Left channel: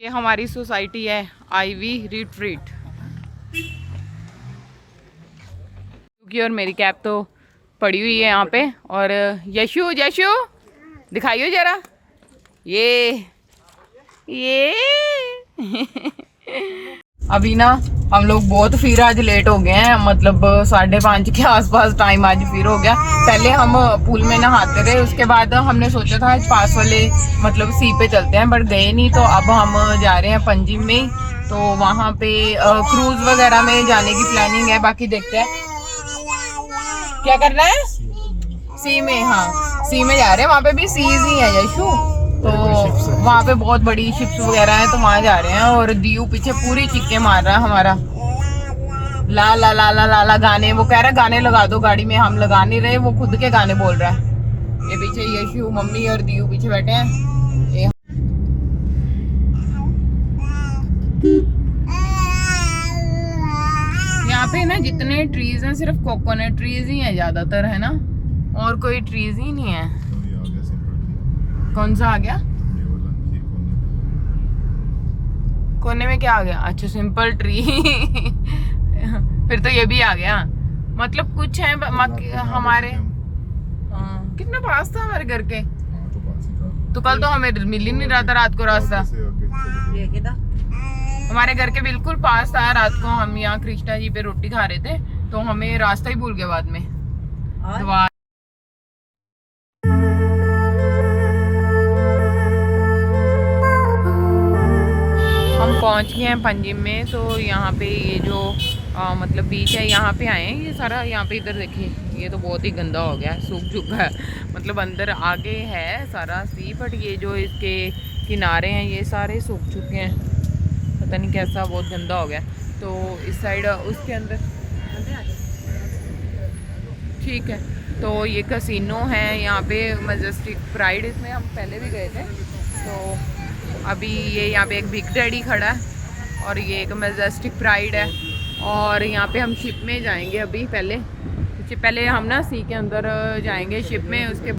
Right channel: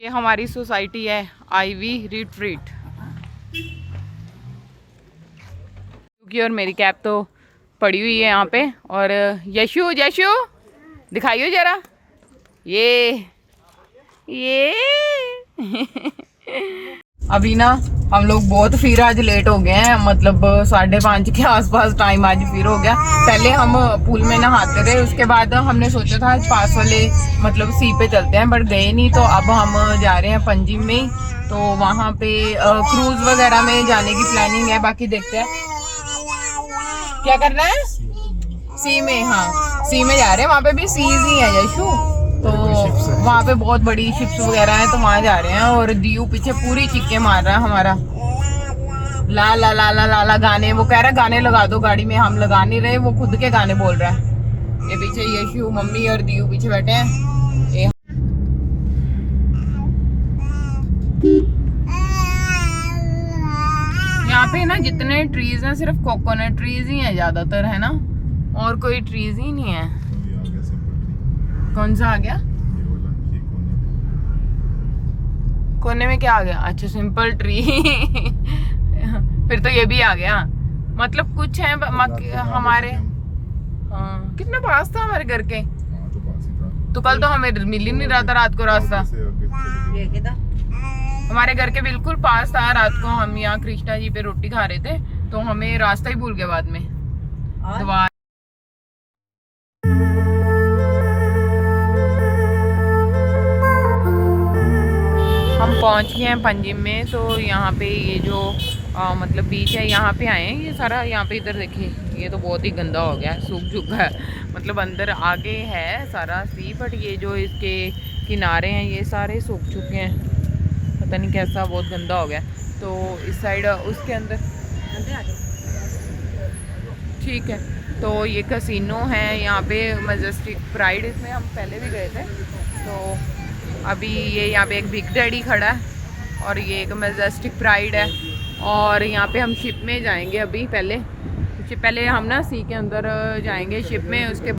ये हमारी सोसाइटी है आईवी रिट्रीट। क्योंकि और मेरी कैब तो पड़ी हुई है यहाँ पे। और यशु यशु दिखाइयो जरा ये अभी ना हम लोग बहुत फिर आज लेट हो गए हैं, मतलब 5:30 के आसपास टाइम आज फिर हो गया। पहले हम पूल में नहाते रहे, उसके बाद हमने सोचा था आज पास वाले मतलब सी पे चलते हैं, बट गए नहीं। तो अब हम जा रहे हैं पंजिम में, तो वहाँ पे क्रूज वगैरह में जाने की प्लानिंग है। बाकी देखते हैं क्या करना है। सी में, हाँ सी में जा रहे हैं, वहाँ पे भी सीज ही है यशु, तो वहाँ पे बहुत बड़ी शिप्स वगैरह हैं, तो वहाँ जा रहे हैं। और दीयू पीछे पूरी चिक्के मार रहा है हमारा, ला ला ला ला ला ला गाने। वो कह रहा है गाने लगा दो गाड़ी में, हम लगा नहीं रहे, वो खुद के गाने बोल रहा है। ये पीछे यशु मम्मी और दीयू पीछे बैठे हैं। यहाँ पे ना जितने ट्रीज हैं सिर्फ कोकोनट ट्रीज ही हैं ज्यादातर, है ना, और कोई ट्रीज ही नहीं है। कौन सा आ गया कोने में? क्या आ गया? अच्छा सिंपल ट्री फिर तो ये भी आ गया। मतलब कुछ है हमारे, हाँ कितना पास था हमारे घर के। तो कल तो हमें मिल ही नहीं रहा था रात को रास्ता, हमारे घर के बिल्कुल पास था। रात को हम यहाँ कृष्णा जी पे रोटी खा रहे थे, तो हमें रास्ता ही भूल गया बाद में। हम पहुंच गए हैं पंजिम में। तो यहाँ पे ये जो मतलब बीच है, यहाँ पे आए हैं। ये सारा यहाँ पे इधर देखिए, ये तो बहुत ही गंदा हो गया है, सूख चुका है। मतलब अंदर आगे है सारा सी, बट ये जो इसके किनारे हैं ये सारे सूख चुके हैं, पता नहीं कैसा, बहुत गंदा हो गया। तो इस साइड उसके अंदर ठीक है। तो ये कैसीनो है यहाँ पे, मजेस्टिक प्राइड, इसमें हम पहले भी गए थे। तो अभी ये यहाँ पे एक बिग डैडी खड़ा है और ये एक मजेस्टिक प्राइड है। और यहाँ पे हम शिप में जाएंगे अभी, पहले हम ना सी के अंदर जाएंगे शिप में। उसके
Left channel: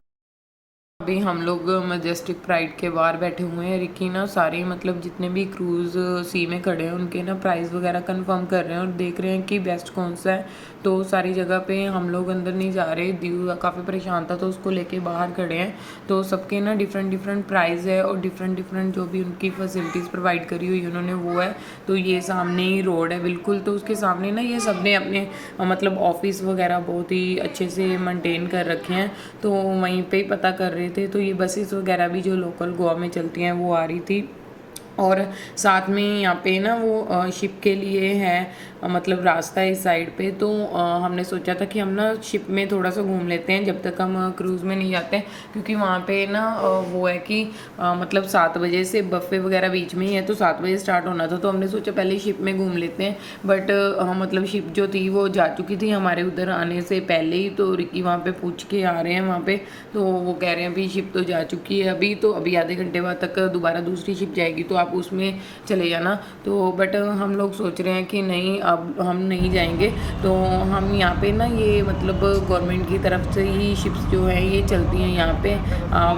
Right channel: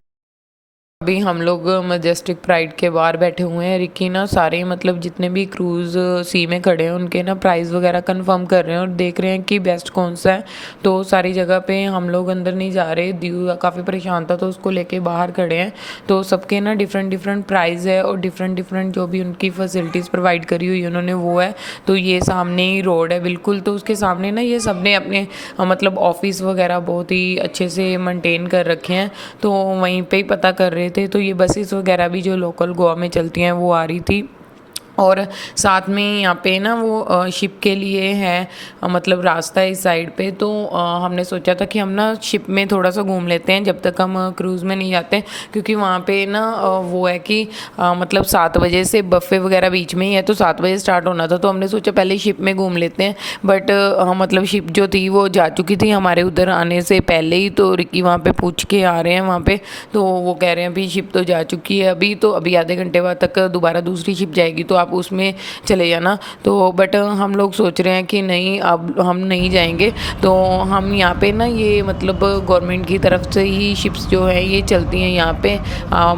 अभी हम लोग मजेस्टिक प्राइड के बाहर बैठे हुए हैं। रिकी ना सारे मतलब जितने भी क्रूज़ सी में खड़े हैं उनके ना प्राइस वगैरह कंफर्म कर रहे हैं और देख रहे हैं कि बेस्ट कौन सा है। तो सारी जगह पे हम लोग अंदर नहीं जा रहे, दीव काफ़ी परेशान था तो उसको लेके बाहर खड़े हैं। तो सबके ना डिफरेंट प्राइस है और डिफरेंट जो भी उनकी फैसिलिटीज़ प्रोवाइड करी हुई उन्होंने वो है। तो ये सामने ही रोड है बिल्कुल, तो उसके सामने ना ये सब ने अपने मतलब ऑफिस वगैरह बहुत ही अच्छे से मेंटेन कर रखे हैं। तो वहीं पे ही पता कर रहे थे। तो ये बसेस वगैरह भी जो लोकल गोवा में चलती हैं वो आ रही थी। और साथ में यहाँ पे ना वो शिप के लिए है मतलब रास्ता इस साइड पे। तो हमने सोचा था कि हम ना शिप में थोड़ा सा घूम लेते हैं जब तक हम क्रूज़ में नहीं जाते, क्योंकि वहाँ पे ना वो है कि मतलब 7 बजे से बफ़े वगैरह बीच में ही है, तो 7 बजे स्टार्ट होना था। तो हमने सोचा पहले शिप में घूम लेते हैं, बट मतलब शिप जो थी वो जा चुकी थी हमारे उधर आने से पहले ही। तो रिकी वहाँ पे पूछ के आ रहे हैं वहाँ पे, तो वो कह रहे हैं अभी शिप तो जा चुकी है अभी, तो अभी आधे घंटे बाद तक दोबारा दूसरी शिप जाएगी, तो आप उसमें चले जाना। तो बट हम लोग सोच रहे हैं कि नहीं अब हम नहीं जाएंगे। तो हम यहाँ पे ना ये मतलब गवर्नमेंट की तरफ से ही शिप्स जो है ये चलती हैं यहाँ पे,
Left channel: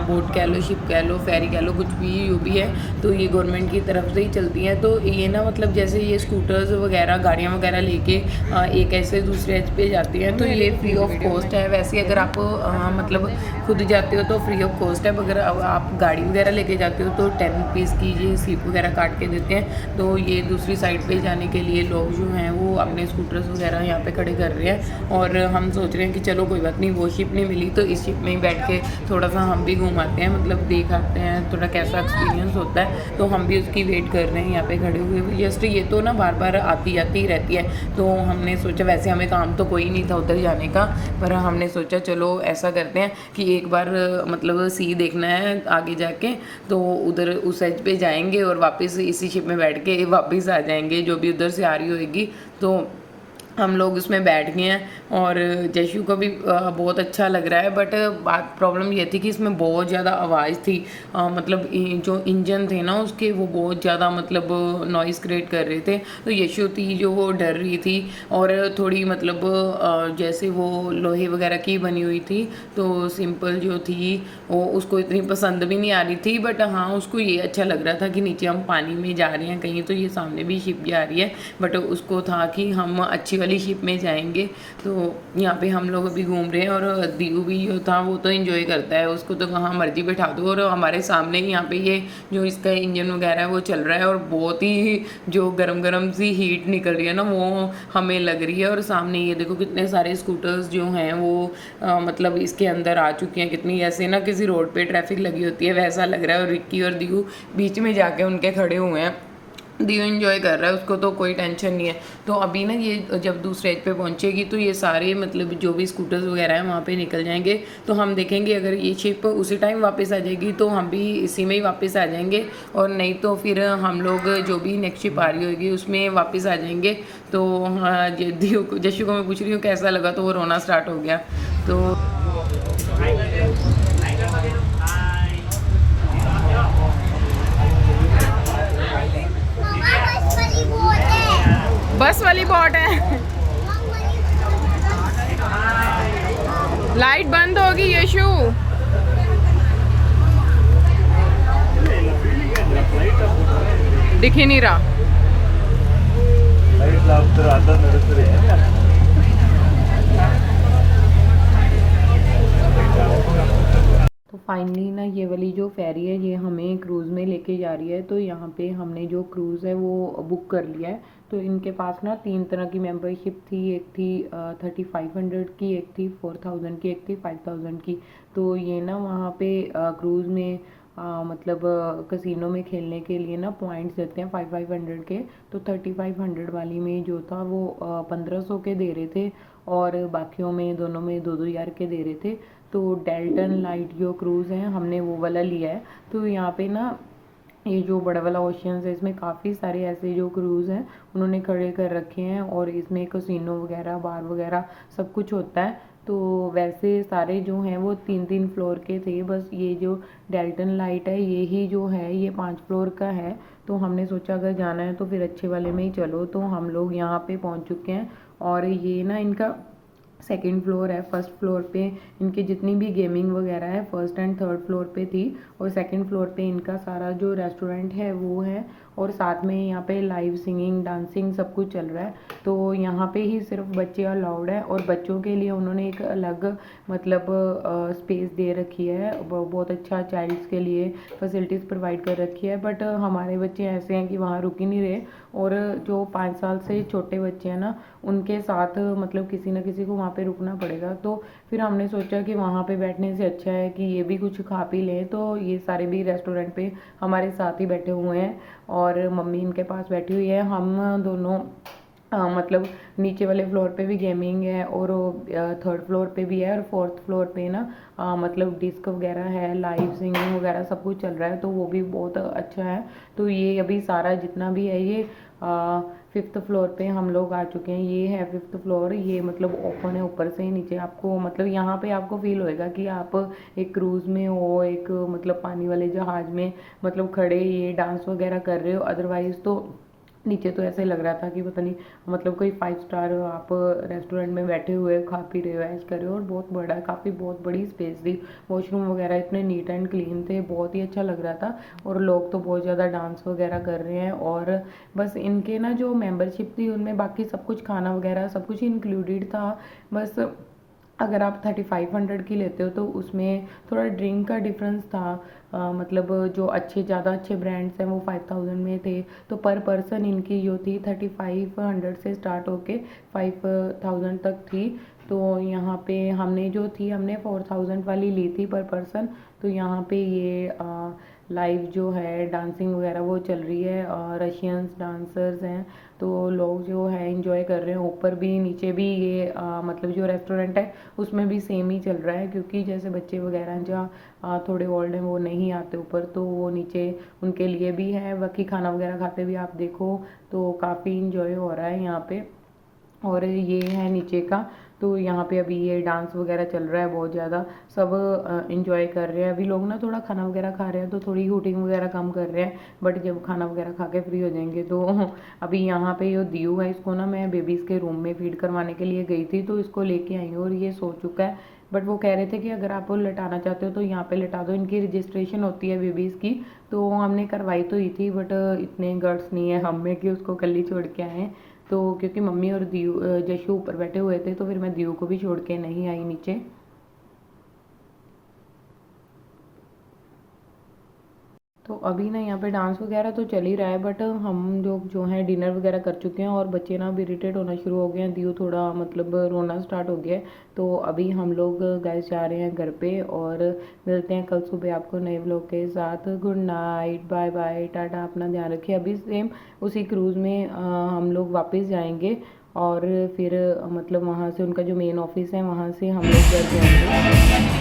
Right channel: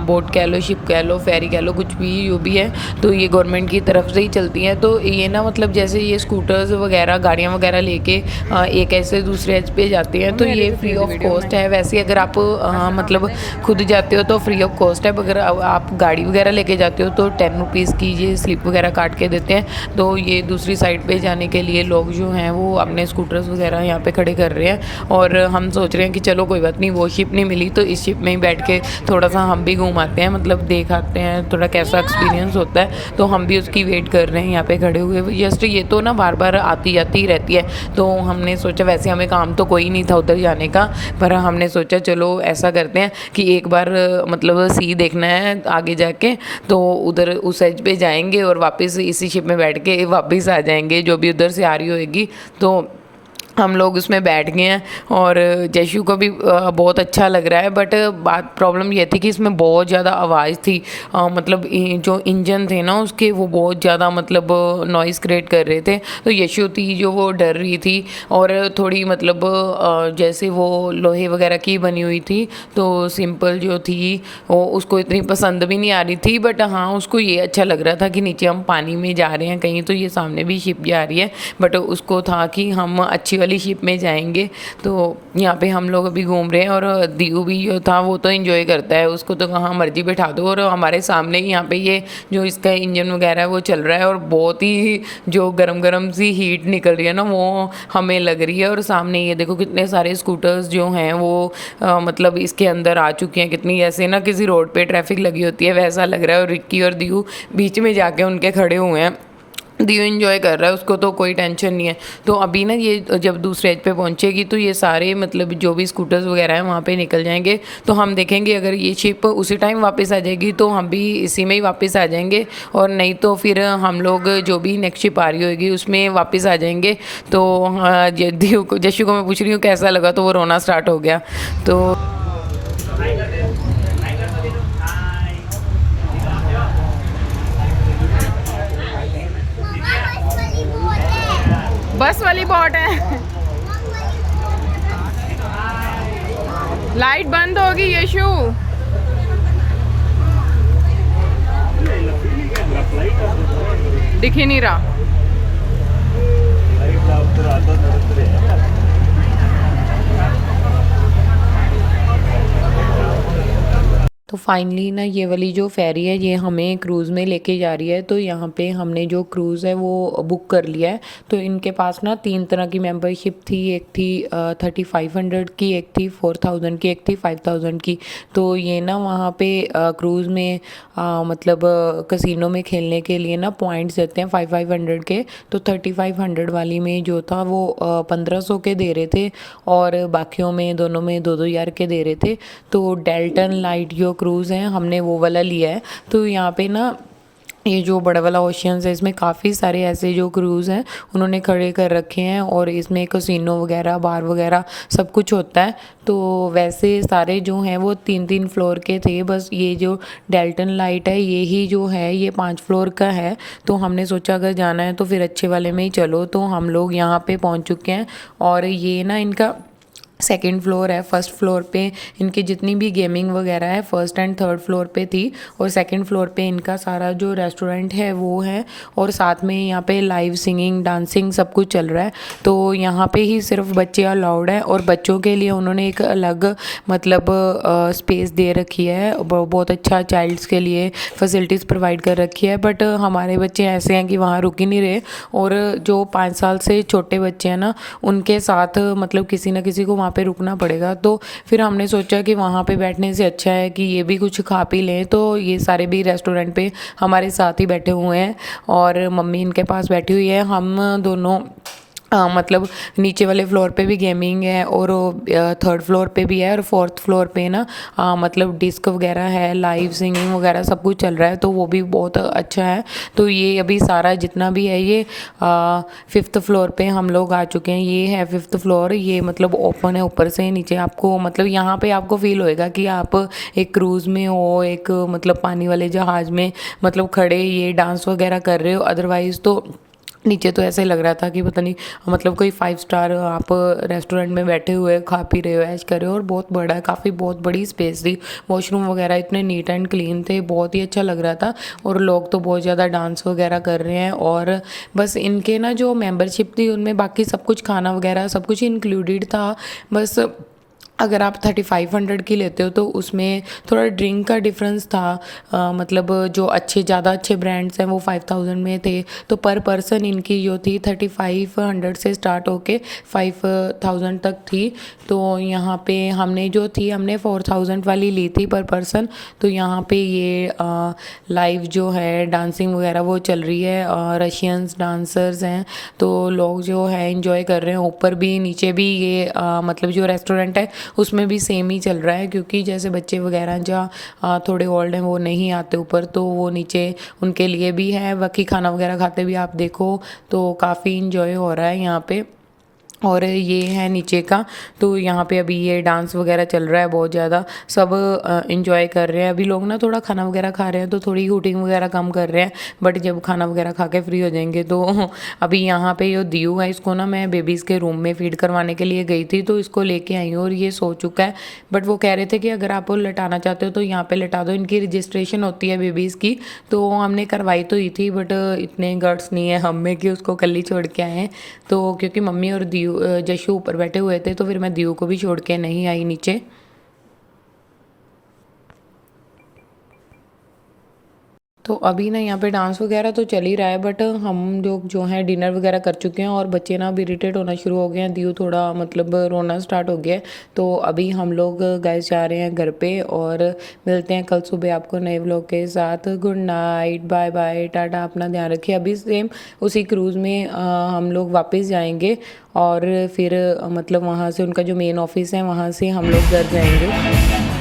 बोट कह लो, शिप कह लो, फेरी कह लो, कुछ भी जो भी है, तो ये गवर्नमेंट की तरफ से ही चलती हैं। तो ये ना मतलब जैसे ये स्कूटर्स वगैरह गाड़ियाँ वगैरह लेके एक ऐसे दूसरे एज पे जाती हैं, तो ये फ्री ऑफ कॉस्ट है। वैसे अगर आप मतलब खुद जाते हो तो फ्री ऑफ कॉस्ट है, अगर आप गाड़ी वगैरह लेके जाते हो तो 10 रुपीज़ की ये स्लिप वगैरह काट के देते हैं। तो ये दूसरी साइड पे जाने के लिए लोग जो हैं वो अपने स्कूटर्स वगैरह यहाँ पे खड़े कर रहे हैं। और हम सोच रहे हैं कि चलो कोई बात नहीं, वो शिप नहीं मिली तो इस शिप में ही बैठ के थोड़ा सा हम भी घूम आते हैं, मतलब देख आते हैं थोड़ा कैसा एक्सपीरियंस होता है। तो हम भी उसकी वेट कर रहे हैं यहाँ पे खड़े हुए। जस्ट ये तो ना बार बार आती जाती ही रहती है, तो हमने सोचा, वैसे हमें काम तो कोई नहीं था उधर जाने का, पर हमने सोचा चलो ऐसा करते हैं कि एक बार मतलब सी देखना है आगे जाके, तो उधर उस एज पे जाएंगे और वापस इसी शिप में बैठ के वापस आ जाएंगे जो भी उधर से आ रही होगी। तो हम लोग उसमें बैठ गए हैं और जयशु को भी बहुत अच्छा लग रहा है। बट बात प्रॉब्लम ये थी कि इसमें बहुत ज़्यादा आवाज़ थी। मतलब जो इंजन थे ना उसके, वो बहुत ज़्यादा मतलब नॉइज़ क्रिएट कर रहे थे। तो यशु थी जो वो डर रही थी और थोड़ी मतलब जैसे वो लोहे वगैरह की बनी हुई थी तो सिंपल जो थी वो उसको इतनी पसंद भी नहीं आ रही थी। बट हाँ, उसको ये अच्छा लग रहा था कि नीचे हम पानी में जा रहे हैं कहीं, तो ये सामने भी शिप जा रही है। बट उसको था कि हम अच्छी वाली शिप में जाएंगे। तो यहाँ पे हम लोग अभी घूम रहे हैं और दीऊ भी जो था वो तो एंजॉय करता है, उसको तो कहाँ मर्जी बैठा दो। और हमारे सामने ही यहाँ पे ये जो इसका इंजन वगैरह है वो चल रहा है और बहुत ही जो गरम गरम सी हीट निकल रही है ना वो हमें लग रही है। और सामने ये देखो कितने सारे स्कूटर्स जो हैं वो मतलब इसके अंदर आ चुके हैं। कितनी ऐसे ना किसी रोड पे ट्रैफिक लगी होती है वैसा लग रहा है। और रिक्की और दीऊ बीच में जाके उनके खड़े हुए हैं। दीव इंजॉय कर रहा है, उसको तो कोई टेंशन नहीं है। तो अभी ना ये जब दूसरे एज पे पहुंचेगी तो ये सारे मतलब जो भी स्कूटर्स वगैरह हैं वहाँ पे निकल जाएंगे। तो हम देखेंगे अगर ये शिप उसी टाइम वापस आ जाएगी तो हम भी इसी में ही वापस आ जाएंगे, और नहीं तो फिर हम लोग जो भी नेक्स्ट शिप आ रही होगी उसमें वापस आ जाएंगे। तो हाँ, दीव को, जशु को मैं पूछ रही हूँ कैसा लगा तो वो रोना स्टार्ट हो गया। तो बस वाली बोट है। लाइट बंद होगी यशु। दिख ही नहीं रहा। तो फाइनली ना ये वाली जो फेरी है ये हमें क्रूज़ में लेके जा रही है। तो यहाँ पे हमने जो क्रूज़ है वो बुक कर लिया है। तो इनके पास ना 3 तरह की मेंबरशिप थी। एक थी 3500 की, एक थी 4000 की, एक थी 5000 की। तो ये ना वहाँ पे क्रूज़ में मतलब कसिनो में खेलने के लिए ना पॉइंट्स देते हैं 500 के। तो 3500 वाली में जो था वो 1500 के दे रहे थे और बाकियों में दोनों में 2-2 हज़ार के दे रहे थे। तो डेल्टन लाइट जो क्रूज़ है हमने वो वाला लिया है। तो यहाँ पे ना ये जो बड़ा वाला ओशियंस है इसमें काफ़ी सारे ऐसे जो क्रूज़ हैं उन्होंने खड़े कर रखे हैं और इसमें कसिनो वगैरह बार वगैरह सब कुछ होता है। तो वैसे सारे जो हैं वो 3-3 फ्लोर के थे। बस ये जो डेल्टन लाइट है ये ही जो है ये 5 फ्लोर का है। तो हमने सोचा अगर जाना है तो फिर अच्छे वाले में ही चलो। तो हम लोग यहाँ पे पहुँच चुके हैं और ये ना इनका सेकेंड फ्लोर है। फर्स्ट फ्लोर पे इनकी जितनी भी गेमिंग वगैरह है फर्स्ट एंड थर्ड फ्लोर पे थी, और सेकंड फ्लोर पे इनका सारा जो रेस्टोरेंट है वो है, और साथ में यहाँ पे लाइव सिंगिंग डांसिंग सब कुछ चल रहा है। तो यहाँ पे ही सिर्फ बच्चे अलाउड है और बच्चों के लिए उन्होंने एक अलग मतलब स्पेस दे रखी है। बहुत अच्छा चाइल्ड्स के लिए फैसिलिटीज़ प्रोवाइड कर रखी है। बट हमारे बच्चे ऐसे हैं कि वहाँ रुक ही नहीं रहे, और जो 5 साल से छोटे बच्चे हैं ना उनके साथ मतलब किसी ना किसी को वहाँ पे रुकना पड़ेगा। तो फिर हमने सोचा कि वहाँ पे बैठने से अच्छा है कि ये भी कुछ खा पी लें। तो ये सारे भी रेस्टोरेंट पे हमारे साथ ही बैठे हुए हैं और मम्मी इनके पास बैठी हुई है। हम दोनों मतलब नीचे वाले फ्लोर पे भी गेमिंग है और थर्ड फ्लोर पे भी है, और फोर्थ फ्लोर पे ना मतलब डिस्क वगैरह है, लाइव सिंगिंग वगैरह सब कुछ चल रहा है। तो वो भी बहुत अच्छा है। तो ये अभी सारा जितना भी है ये 5th फ्लोर पे हम लोग आ चुके हैं। ये है 5th फ्लोर। ये मतलब ओपन है ऊपर से नीचे। आपको मतलब यहाँ पे आपको फील होएगा कि आप एक क्रूज़ में हो, एक मतलब पानी वाले जहाज़ में मतलब खड़े ये डांस वगैरह कर रहे हो। अदरवाइज़ तो नीचे तो ऐसे लग रहा था कि पता नहीं मतलब कोई 5 स्टार आप रेस्टोरेंट में बैठे हुए खा पी रहे हो, ऐश कर रहे हो। और बहुत बड़ा है, काफ़ी बहुत बड़ी स्पेस थी। वॉशरूम वगैरह इतने नीट एंड क्लीन थे, बहुत ही अच्छा लग रहा था। और लोग तो बहुत ज़्यादा डांस वगैरह कर रहे हैं। और बस इनके ना जो मेंबरशिप थी उनमें बाकी सब कुछ खाना वगैरह सब कुछ इंक्लूडेड था। बस अगर आप 3500 की लेते हो तो उसमें थोड़ा ड्रिंक का डिफरेंस था। मतलब जो ज़्यादा अच्छे ब्रांड्स हैं वो 5000 में थे। तो पर पर्सन इनकी जो थी 3500 से स्टार्ट होके 5000 तक थी। तो यहाँ पे हमने 4000 वाली ली थी पर पर्सन। तो यहाँ पे ये लाइव जो है डांसिंग वगैरह वो चल रही है, रशियंस डांसर्स हैं। तो लोग जो है इंजॉय कर रहे हैं। ऊपर भी नीचे भी ये मतलब जो रेस्टोरेंट है उसमें भी सेम ही चल रहा है, क्योंकि जैसे बच्चे वगैरह जहाँ थोड़े ओल्ड हैं वो नहीं आते ऊपर, तो वो नीचे उनके लिए भी है। बाकी खाना वगैरह खाते भी आप देखो तो काफ़ी इंजॉय हो रहा है यहाँ पे। और ये है नीचे का। तो यहाँ पे अभी ये डांस वगैरह चल रहा है बहुत ज़्यादा, सब इंजॉय कर रहे हैं। अभी लोग ना थोड़ा खाना वगैरह खा रहे हैं तो थोड़ी हूटिंग वगैरह कम कर रहे हैं, बट जब खाना वगैरह खा के फ्री हो जाएंगे तो अभी यहाँ पे ये दियू है, इसको ना मैं बेबीज़ के रूम में फीड करवाने के लिए गई थी तो इसको लेके आई हूँ और ये सो चुका है। बट वो कह रहे थे कि अगर आप लटाना चाहते हो तो यहाँ पे लटा दो, इनकी रजिस्ट्रेशन होती है बेबीज़ की, तो हमने करवाई तो ही थी, बट इतने गट्स नहीं है हम में कि उसको कल ही छोड़ के आए हैं। तो क्योंकि मम्मी और दियू जशु ऊपर बैठे हुए थे तो फिर मैं दियू को भी छोड़ के नहीं आई नीचे। तो अभी ना यहाँ पे डांस वगैरह तो चल ही रहा है, बट हम लोग जो हैं डिनर वगैरह कर चुके हैं और बच्चे ना अभी इरिटेट होना शुरू हो गए हैं, दियू थोड़ा मतलब रोना स्टार्ट हो गया है। तो अभी हम लोग गाइस जा रहे हैं घर पे और मिलते हैं कल सुबह आपको नए व्लॉग के साथ। Good night, bye bye, tata, अपना ध्यान रखिए। अभी सेम उसी क्रूज़ में हम लोग वापस जाएंगे और फिर मतलब वहाँ से उनका जो मेन ऑफिस है वहाँ से हम लोग घर जाएंगे।